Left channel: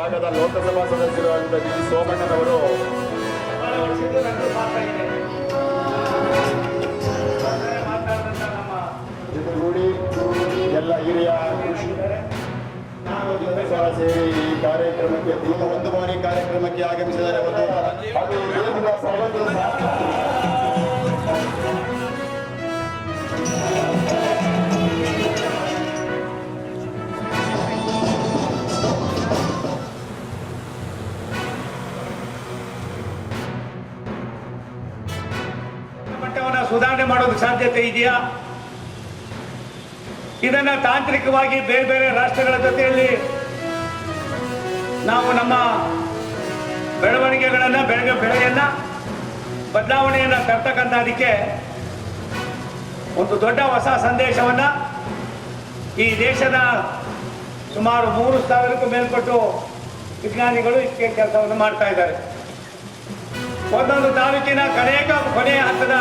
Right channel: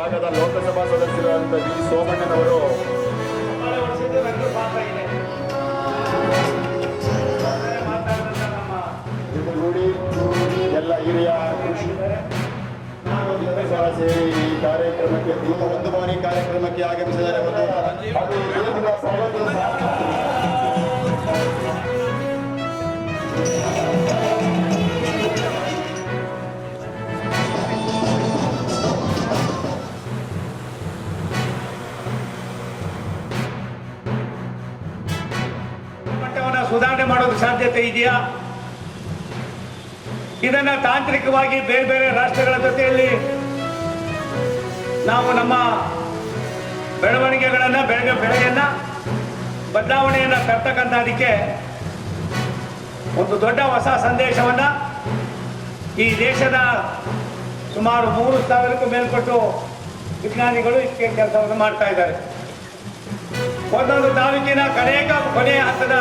ಭಾಗದ ಲೋಕಸಭಾ ಸದಸ್ಯರು ಅಂತ ವಿ ಸೋಮಣ್ಣನವರು ಜೊತೆಗೂಡಿ ಎಲ್ಲ ಹಿರಿಯ ಕೃಷಿ ಸೇರಿ ಈ ಕಾರ್ಯಕ್ರಮಕ್ಕೆ ಒಂದು ಬಾರಿ ಕಾರ್ಯಕ್ರಮಕ್ಕೆ ಆಗಮಿಸಿದ್ದಾರೆ. ಮಟ್ಟವನ್ನು ಸುಧಾರಣೆ ಮಾಡೋದು ಸಾಧ್ಯತೆ ಇದೆಯಾ? ಇದನ್ನ ತಾಂತ್ರಿಕವಾಗಿ ಬೇರೆ ಬೇರೆ ರಾಷ್ಟ್ರಗಳ ಜೊತೆಯಲ್ಲಿ ನಾವು ನಮ್ಮ ಬೆಳವಣಿಗೆಗಳನ್ನು ಬೆಳೆಯನ್ನ ಬದಲಾವಣೆಯನ್ನು ತರ್ತಕ್ಕಂಥದಕ್ಕೆ ಒಂದು ದೊಡ್ಡ ಹೊಸ ಸಂದೇಶವನ್ನು ಈ ದೇಶದ ಸುಮಾರು 3,000ಕ್ಕೂ ಮೇಲ್ಪಟ್ಟು ವಿಜ್ಞಾನಿಗಳು ಇದಕ್ಕೆ ಕೆಲಸವನ್ನು ಮಾಡ್ತಾ ಇದ್ದಾರೆ. ಒಂದೊಂದು ತಾಲೂಕಿನ ಕೊನೆಯ ಹಂತದ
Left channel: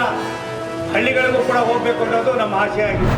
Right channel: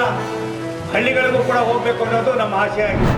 ಹಳ್ಳಿಗಳಿಗೂ ಕೂಡ ಹೋಗಬೇಕು ಅನ್ನೋದು ನಮ್ಮ ಆಶೆ ಆಗಿದೆ.